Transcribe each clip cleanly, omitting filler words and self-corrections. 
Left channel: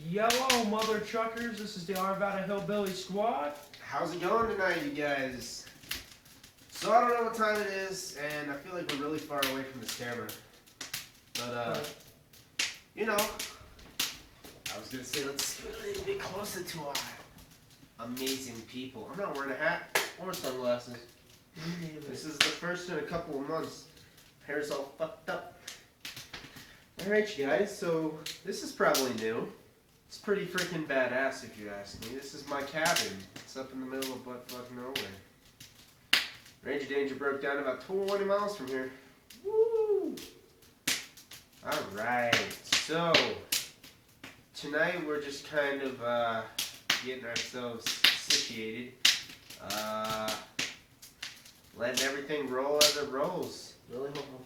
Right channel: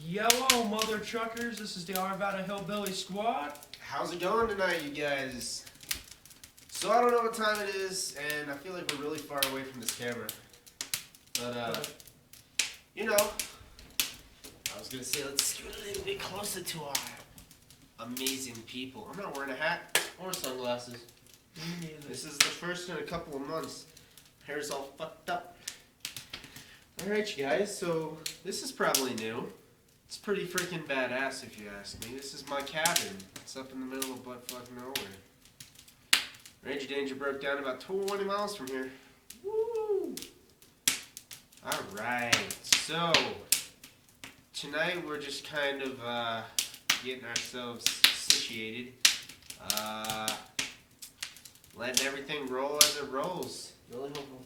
Yellow mother truckers, this is the Arvada Hillbilly Squad. How's it going tonight, you guys? So I don't know what time it is, and I feel like we're really far away from this camera. But, you know, I was gonna say let's get a little bit closer to our amazing people. I'm not wearing a hat or sunglasses. Me neither. This is the first in a couple of months. Hair's all fucked up. Alright, you guys, so this is probably new. It's pretty freaking badass if you ask me. This is my cabin. It's up in the middle of buttfuck nowhere. Range of danger broke down about 20 miles from here. Woo! Alright, so tonight we're just kind of getting ourselves situated. Letting everything roll as it rolls. Really hoping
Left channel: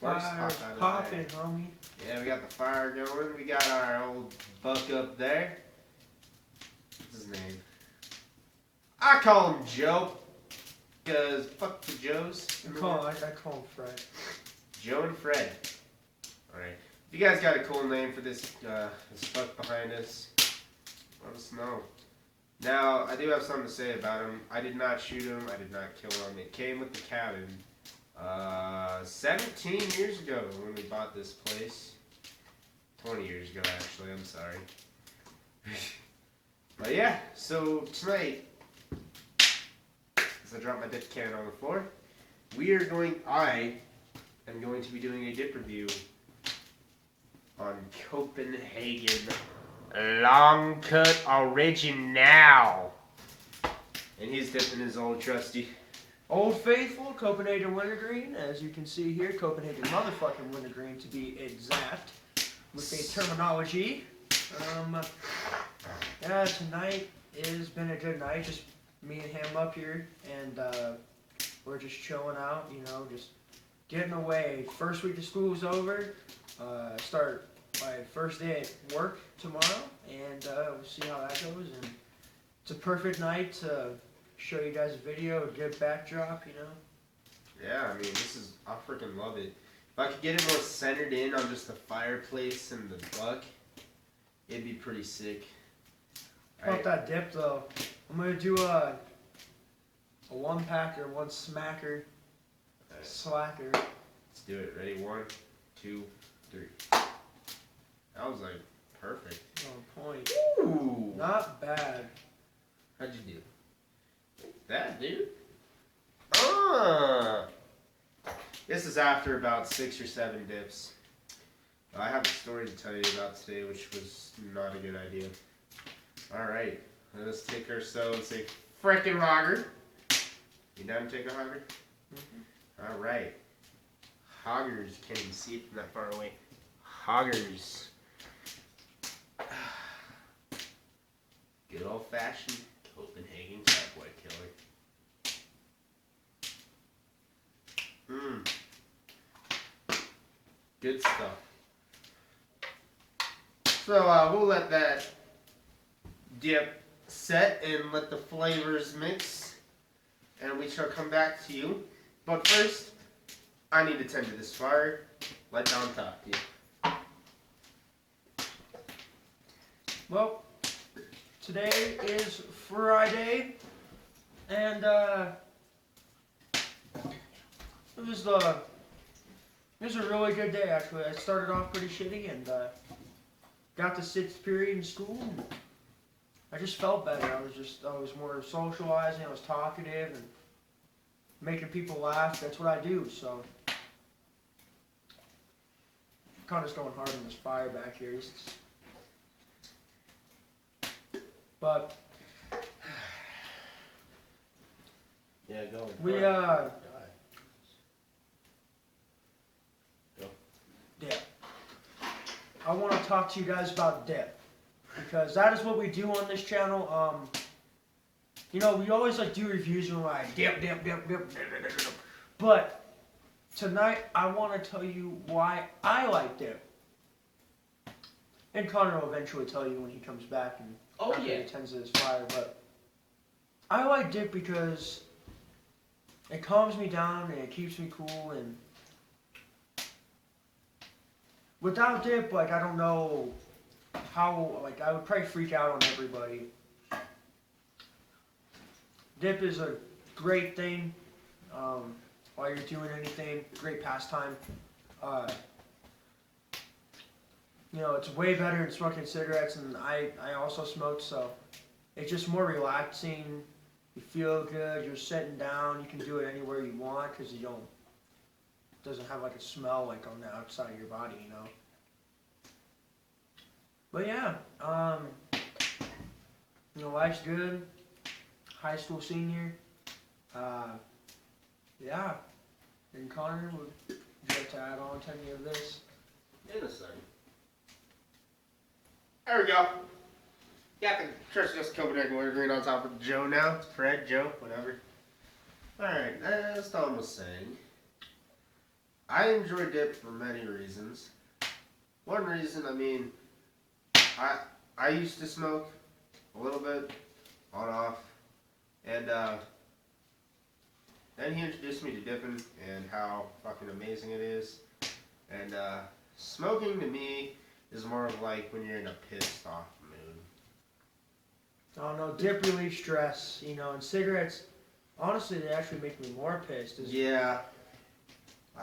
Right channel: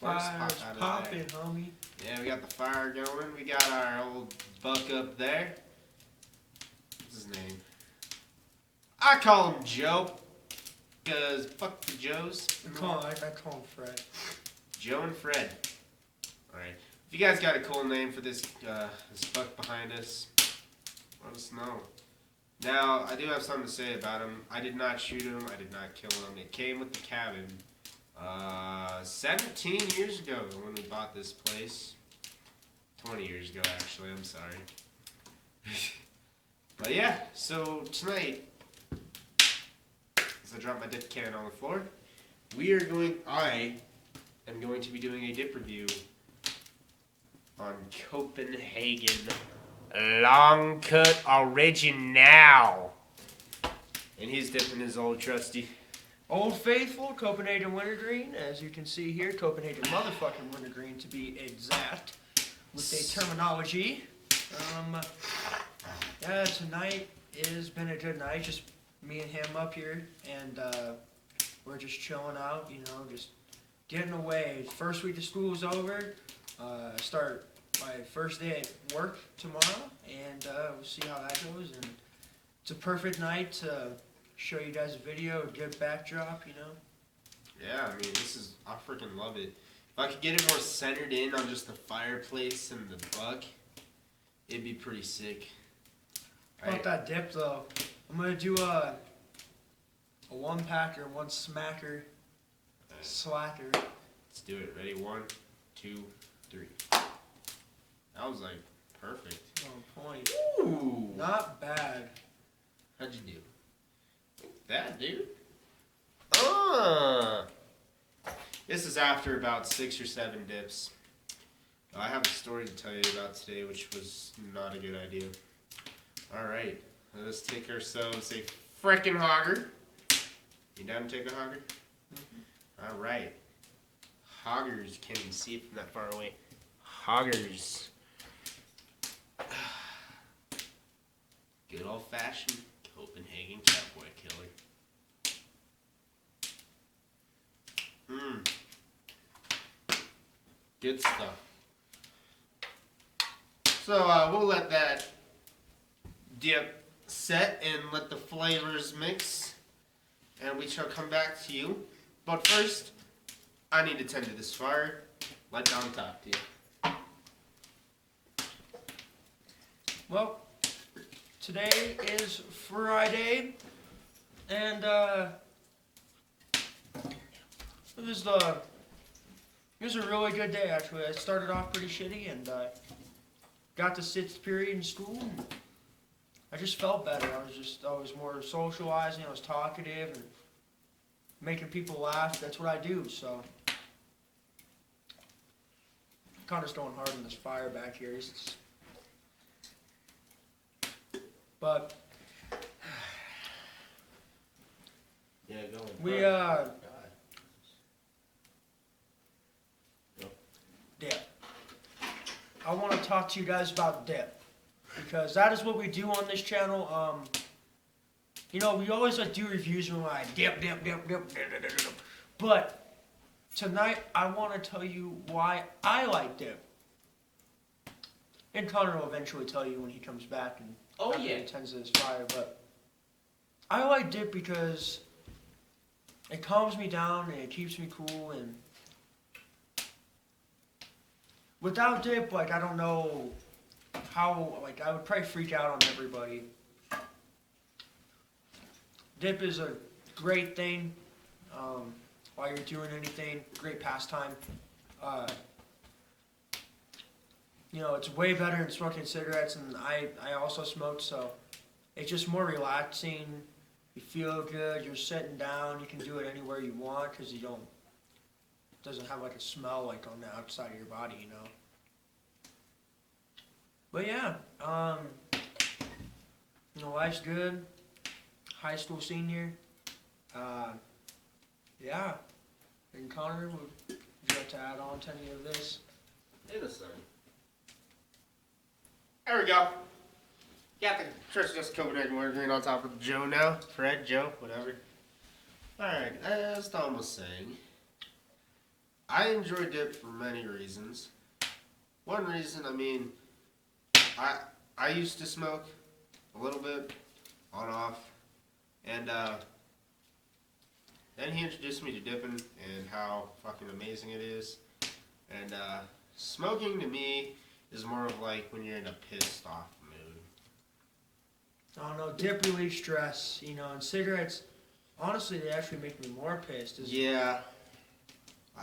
Fire's popping, homie. Yeah, we got the fire going. We got our old buck up there. What's his name? I call him Joe. Because fuck the Joes. I call him Fred. Joe and Fred. Alright. If you guys got a cool name for this fuck behind us, let us know. Now, I do have something to say about him. I did not shoot him. I did not kill him. It came with the cabin. 17 years ago when we bought this place. 20 years ago, actually. I'm sorry. But yeah, so tonight, as I drop my dip can on the floor, I am going to be doing a dip review on Copenhagen Long Cut Original. And he's dipping his old trusty Old Faithful, Copenhagen Wintergreen. As you can see here, Copenhagen motherfucking Wintergreen to be exact with the terminology. Yeah, tonight has been a good night. Just me and him up here, and we're just chilling out, you know, just getting away. First week of school is over. Start my first day at work tomorrow, and we'll see how that goes. And it's a perfect night to show you guys a video, a good backdrop, you know. Yeah, I mean, I freaking love it. If I could get it more centered in on just the fireplace and the buck, it'd be pretty sick. About that dip though, I'm gonna do a one packer, one smacker, slacker. Let's do it. Ready? 1, 2, 3. That was like perfect. On point. Ooh. Not bad. How'd you do? That, dude. This is after about 6 or 7 dips. I have a story to tell you about today, which was not a good idea. Alright, let us take ourselves a frickin' hogger. You down to take a hogger? Mm-hmm. Alright. Hoggers, can't even see it from that far away. Hoggers. Good old fashioned Copenhagen cowboy killer. Good stuff. So we'll let that dip set and let the flavors mix, and we shall come back to you. But first, I need to tend to this fire. Let Don talk to you. Well, today is Friday, and it was a really good day actually. I started off pretty shitty and got the 6th period in school. And I just felt better. I was more socializing. I was talkative and making people laugh. That's what I do. So, kind of just going hard on this fire back here. But yeah, go. Dip. I want to talk to you guys about dip, because that is what we do on this channel. You know, we always like do reviews and we're like dip. But tonight I want to tell you why I like dip. And Connor will eventually tell you when he comes back and he tends to this fire. But I like dip because it calms me down and it keeps me cool. And without dip, like, I don't know how, like, I would probably freak out on everybody. Dip is a great thing while you're doing anything, great pastime. You know, it's way better than smoking cigarettes, and I also smoke, so it's just more relaxing. You feel good, you're sitting down, you can do it anywhere you want because it doesn't have like a smell like on the outside of your body, you know. But yeah, you know, life's good. High school senior. Yeah. And Connor, would you like to add on to any of this? In a second. There we go. Got the Tricious Copenhagen wintergreen on top of Joe now. Fred, Joe, whatever. Alright, as Tom was saying, I enjoy dip for many reasons. One reason, I mean, I used to smoke a little bit, on off, and then he introduced me to dipping and how fucking amazing it is. And smoking to me is more of like when you're in a pissed off mood. I don't know, dip relieves stress, you know, and cigarettes, honestly, they actually make me more pissed. Yeah,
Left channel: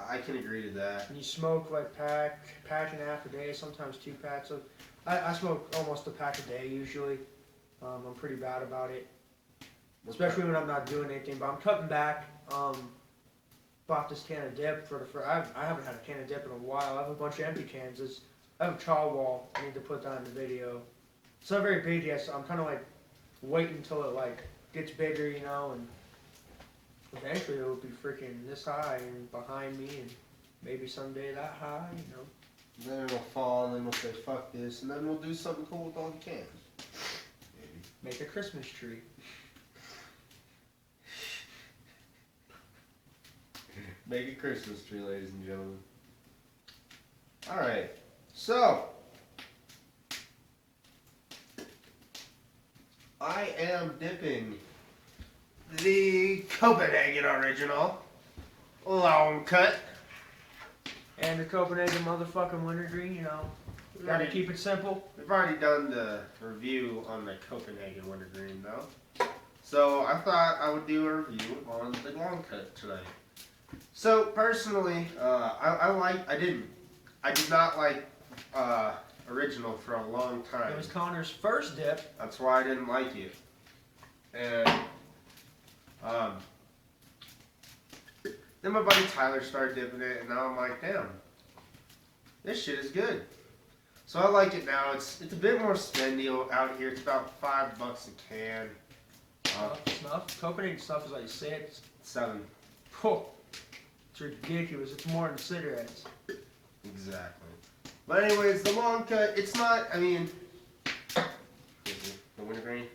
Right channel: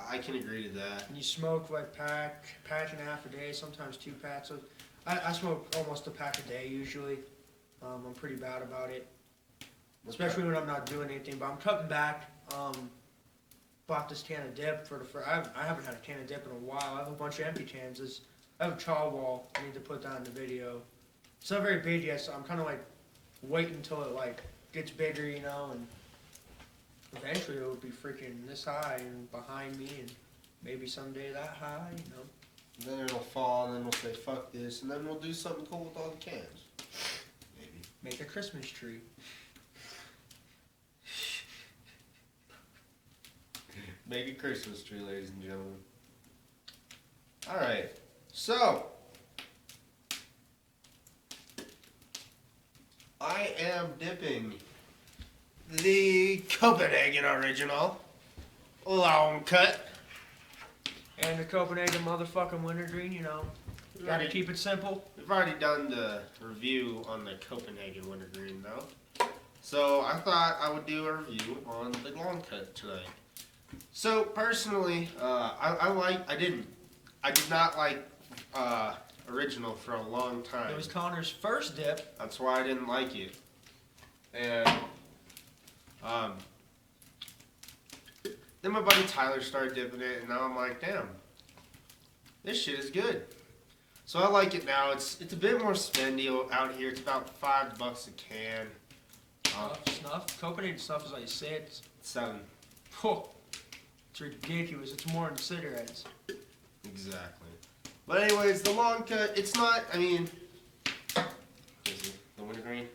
I can agree to that. When you smoke like pack and a half a day, sometimes 2 packs. I smoke almost a pack a day usually. I'm pretty bad about it, especially when I'm not doing anything. But I'm cutting back. Bought this can of dip I haven't had a can of dip in a while. I have a bunch of empty cans. I have a chaw wall. I need to put that in the video. It's not very big yet, so I'm kind of like waiting until it like gets bigger, you know, and eventually it will be freaking this high and behind me, and maybe someday that high, you know. And then it'll fall, and then we'll say fuck this, and then we'll do something cool with all the cans. Maybe. Make a Christmas tree. Make a Christmas tree, ladies and gentlemen. Alright, so I am dipping the Copenhagen original long cut. And the Copenhagen motherfucking wintergreen, you know. Gotta keep it simple. We've already done the review on the Copenhagen wintergreen though. So I thought I would do a review on the long cut tonight. So personally, I did not like original for a long time. It was Connor's first dip. That's why I didn't like it. And then my buddy Tyler started dipping it, and now I'm like, damn, this shit is good. So I like it now. It's a bit more spendy out here. It's about $5 a can. Snuff? Copenhagen snuff is like 6. 7. Oh, it's ridiculous. It's more than cigarettes. Exactly. But anyways, the long cut, it's not, I mean, the wintergreen.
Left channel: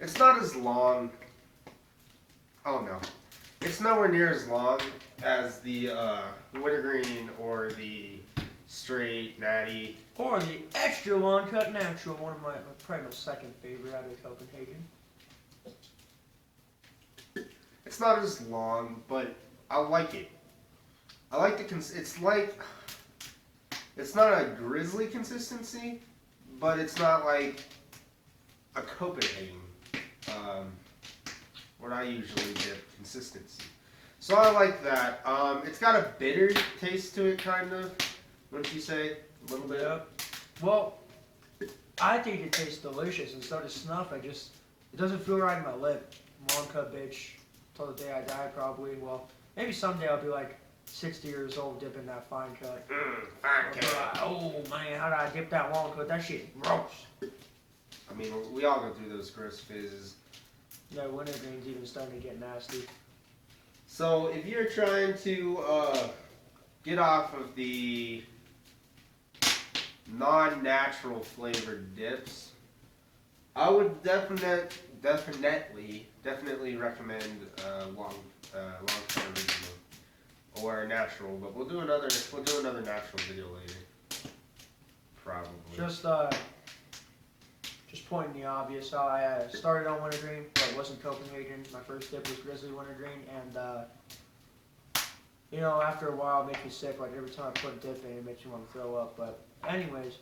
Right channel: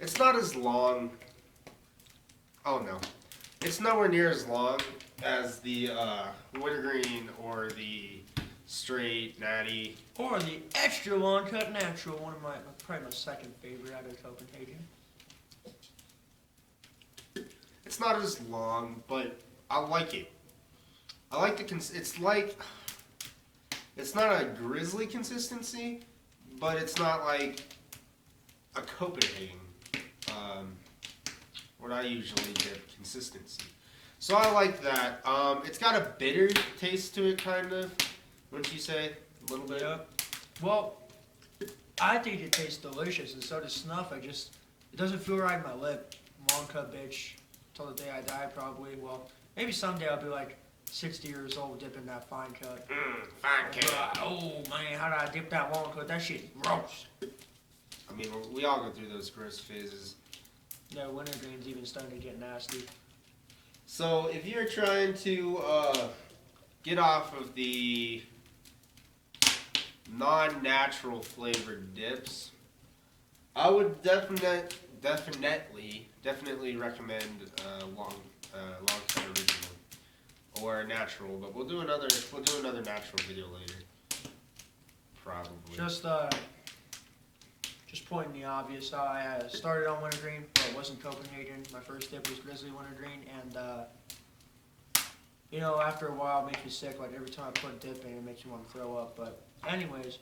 It's not as long. Oh no. It's nowhere near as long as the wintergreen or the straight natty. Or the extra long cut natural, probably my second favorite out of Copenhagen. It's not as long, but I like it. I like it's not a grizzly consistency, but it's not like a Copenhagen, what I usually dip consistency. So I like that. It's got a bitter taste to it, kind of, wouldn't you say? A little bit? Yep. Well, I think it tastes delicious, and so does snuff. It doesn't feel right in my lip. Long cut bitch, till the day I die probably. Well, maybe someday I'll be like 60 years old dipping that fine cut. Fine cut. Oh man, how did I dip that long cut? That shit gross. I mean, we all go through those gross phases. Yeah, wintergreen's even starting to get nasty. So if you're trying to get off of the non-natural flavored dips, I would definitely recommend long cut original or natural. But we'll do another natural video later, probably. Just pointing the obvious. I started on wintergreen, but it wasn't Copenhagen. My first dip was Grizzly wintergreen, and you know, after a while it makes me sick. Like every time I put a dip in, it makes me want to throw up. But anyways,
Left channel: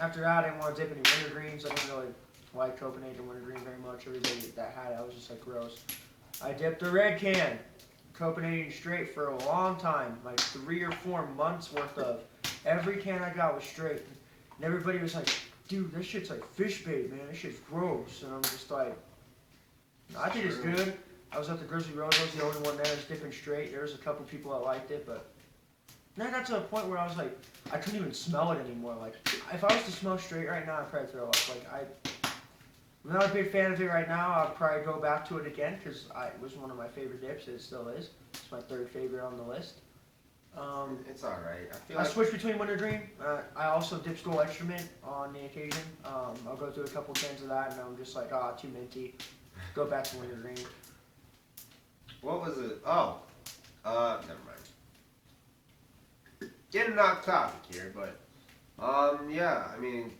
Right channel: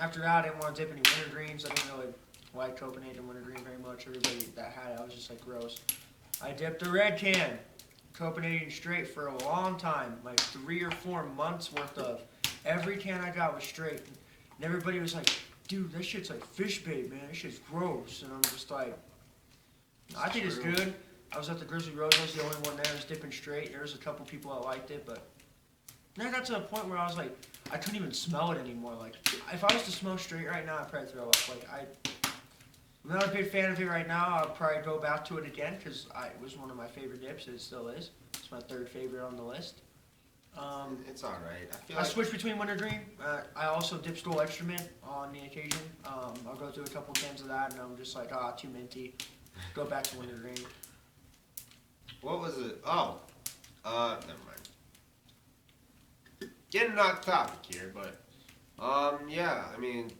after that, I didn't want to dip any wintergreens. I didn't really like Copenhagen wintergreen very much. Everybody that had it, I was just like gross. I dipped a red can, Copenhagen straight for a long time, like 3 or 4 months worth of. Every can I got was straight, and everybody was like, "Dude, that shit's like fish bait, man. That shit's gross." And I'm just like, I think it's good. I was at the Grizzly Rose. I was the only one there. I was dipping straight. There was a couple people that liked it, but then I got to a point where I was like, I couldn't even smell it anymore. Like, if I was to smell straight right now, I'd probably throw up. Like, I'm not a big fan of it right now. I'll probably go back to it again because it was one of my favorite dips. It still is. It's my 3rd favorite on the list. It's all right. I switch between wintergreen. I also dip School Extra Mint on the occasion. I'll go through a couple cans of that, and I'm just like, too minty. Go back to wintergreen. What was it? Oh, never mind. Getting off topic here, but yeah. I mean,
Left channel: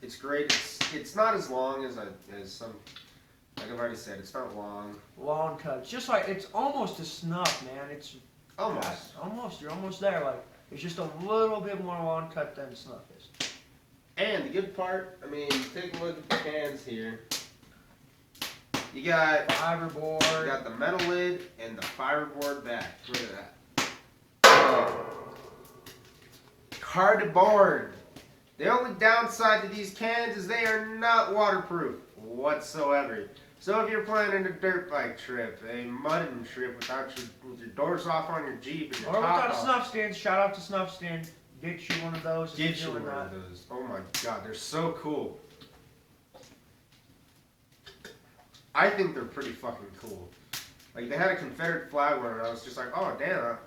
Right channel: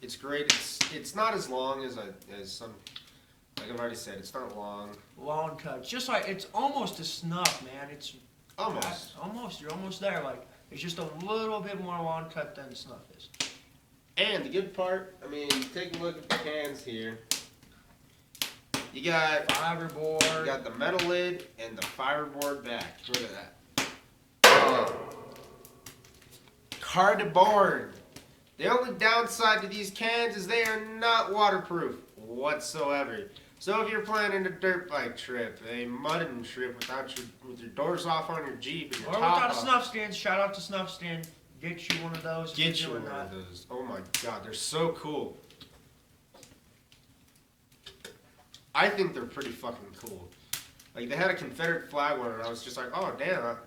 it's great. It's not as long as some. Like I've already said, it's not long. Long cuts, just like it's almost a snuff, man. It's Almost. You're almost there. Like it's just a little bit more long cut than snuff is. And the good part, I mean, take a look at the cans here. You got fiberboard. You got the metal lid and the fiberboard back. Look at that. Cardboard. The only downside to these cans is they are not waterproof whatsoever. So if you're planning a dirt bike trip, a mudding trip with your doors off on your Jeep and your or top without a off, snuff stand, shout out to Snuff Stand. Get you one of those. Get you one of those. Oh my God, they're so cool. I think they're pretty fucking cool. Like they had a Confederate flag one, and I was just like, oh damn.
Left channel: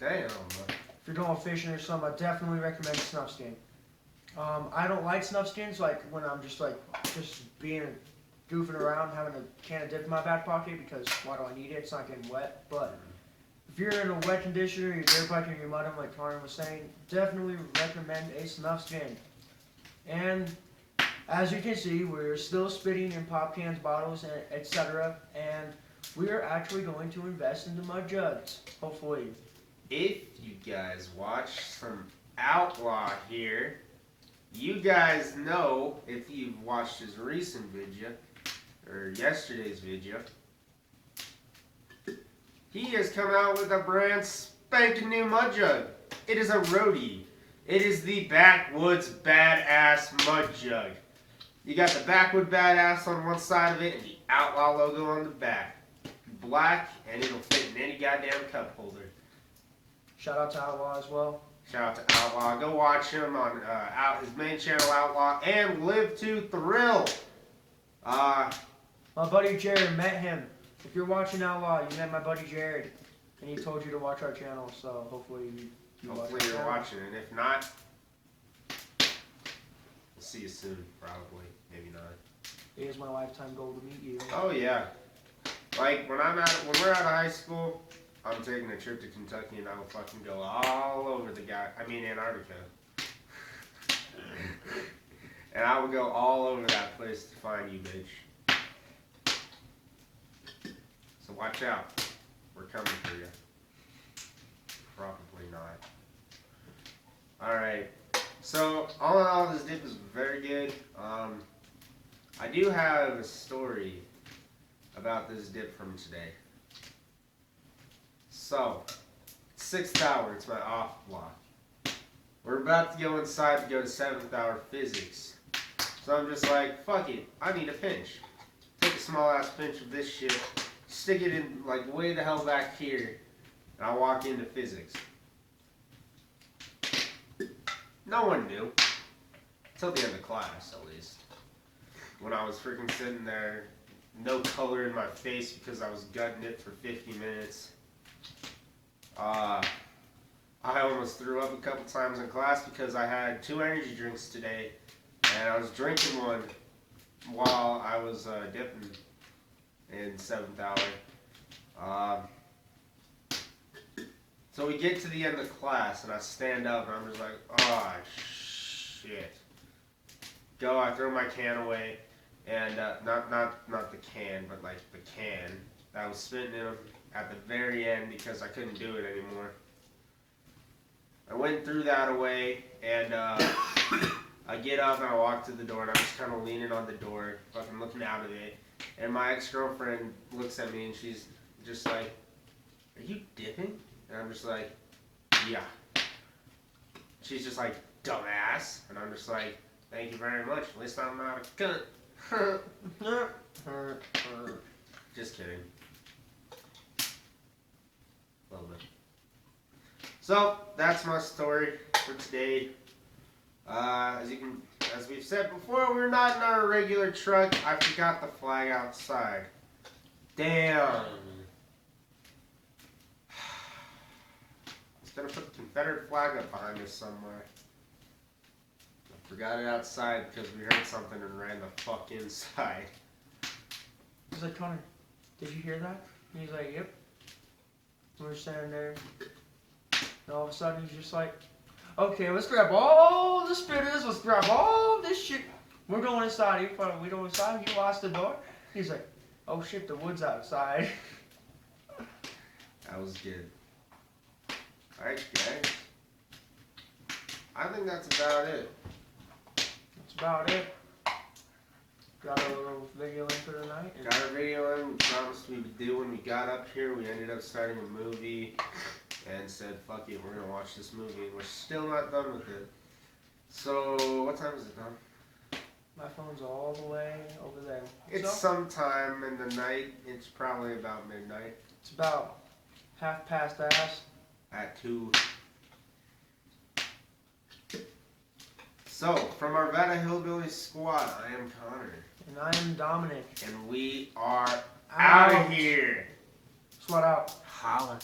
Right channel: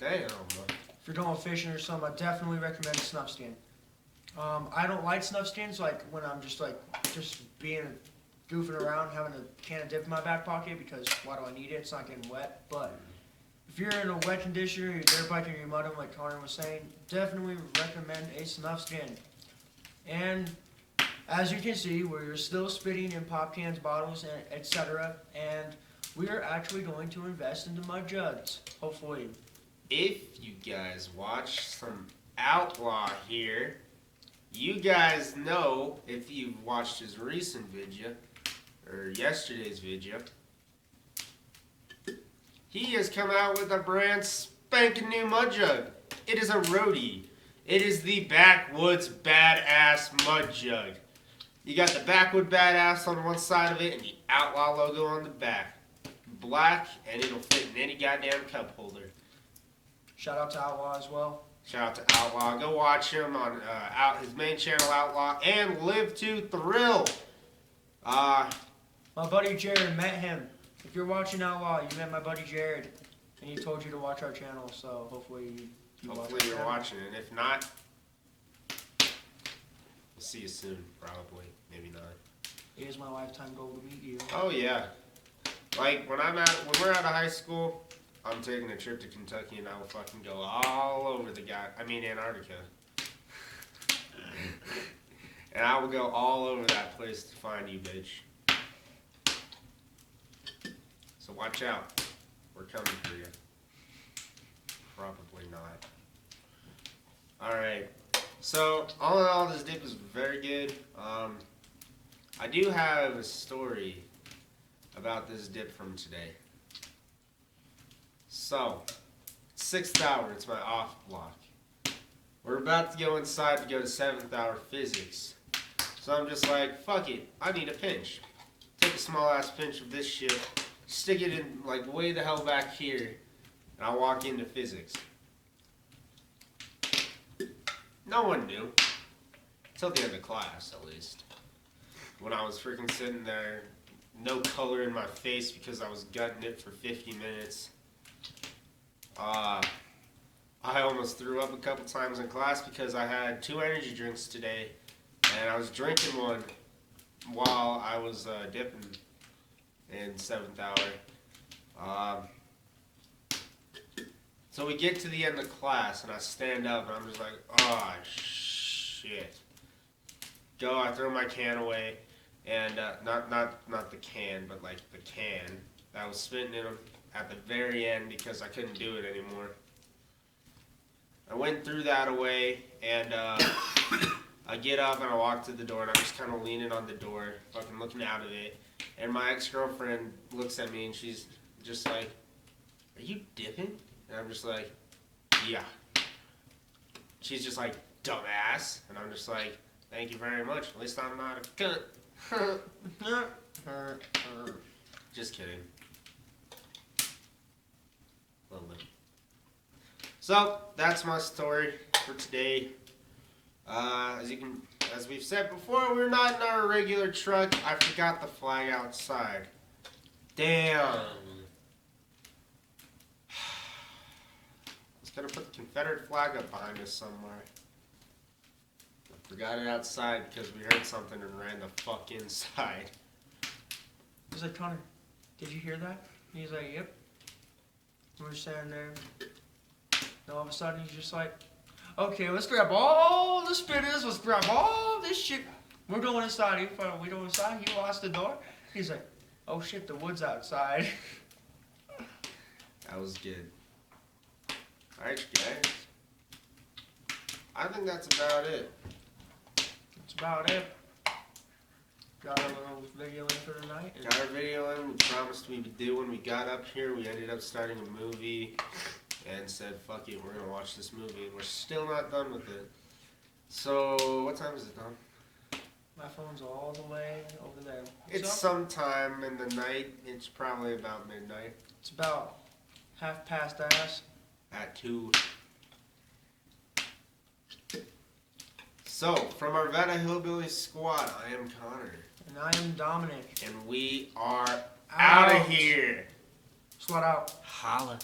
If you're going fishing or something, I definitely recommend a snuff stand. I don't like snuff stands like when I'm just being goofing around, having a can of dip in my back pocket because why do I need it? It's not getting wet. But if you're in a wet condition or you're dirt biking or you're mudding, like Connor was saying, definitely recommend a snuff stand. And as you can see, we're still spitting in pop cans, bottles, etc. And we are actually going to invest into mud jugs, hopefully. If you guys watch some Outlaw here, you guys know, if you've watched his recent video, or yesterday's video, he has come out with a brand spanking new mud jug. It is a roadie. It is the Backwoods Badass Mud Jug. You got the Backwood Badass on one side of it and the Outlaw logo on the back. Black, and it'll fit in any goddamn cup holder. Shout out to Outlaw as well. Shout out to Outlaw. Go watch him on his main channel, Outlaw, and Live to Thrill. My buddy Jared met him. If you're watching Outlaw, you met my buddy Jared, and he told you to watch our channel. So hopefully you watch our channel. Watching, and if not, we'll see you soon. Probably, maybe not. It is my lifetime goal to meet you. Oh yeah, like when we're out of high school, I'm taking a trip to Kentucky, and I will fucking go all over Antarctica. And I will go all over that place to find you, bitch. So watch out. We're coming for you. Probably not. Alright. So, all in all, this dip is very good. I do have a story about this dip from today. So, 6th hour, it's my off block. We're about to go inside to go to 7th hour physics. So I'm just like, fuck it, I need a pinch. Take a small ass pinch of this shit, stick it in like way the hell back here, and I walk into physics. No one knew. Till the end of class, at least. When I was freaking sitting there, no color in my face because I was gutting it for 50 minutes. I almost threw up a couple times in class because I had 2 energy drinks today, and I was drinking one while I was dipping in 7th hour. So we get to the end of class, and I stand up, and I'm just like, oh, shit. I throw my can away, and not the can, but like the can that I was spitting in them at the very end because I couldn't do it anymore. I went through that away, and I get up and I walk to the door, and I'm just kind of leaning on the door, fucking looking out of it. And my ex-girlfriend looks at me, and she's just like, "Are you dipping?" And I'm just like, "Yeah." She's just like, "Dumbass." And I'm just like, "Thank you very much. At least I'm not a cunt." Just kidding. Love it. So that's my story for today. As we've said before, we're not in our regular truck. I forgot the flag outside. Damn. I was gonna put the Confederate flag up behind us somewhere. I forgot it outside because we heard something and ran the fuck inside. He's like, "Connor, did you hear that?" And he's like, "Yep." And we're standing there, and all of a sudden he's just like, "Okay, let's grab all the spitters, let's grab all this shit. We're going inside." We go inside, he locks the door. He's like, "Oh shit, the wood's outside." That was good. Alright, guys. I think that's about it. That's about it. Got a little video in for tonight. Got our video in. We promised we would do when we got up here. We ended up starting a movie and said, "Fuck it, we're gonna watch this movie." And we're still not done with it. So, what time is it, Tom? My phone's all the way over there. It's sometime in the night. It's probably about midnight. It's about 2:30. At 2. So, from our Vada Hillbilly squad, I am Connor. And I am Dominic. And we are out of here. Squad out. Holla.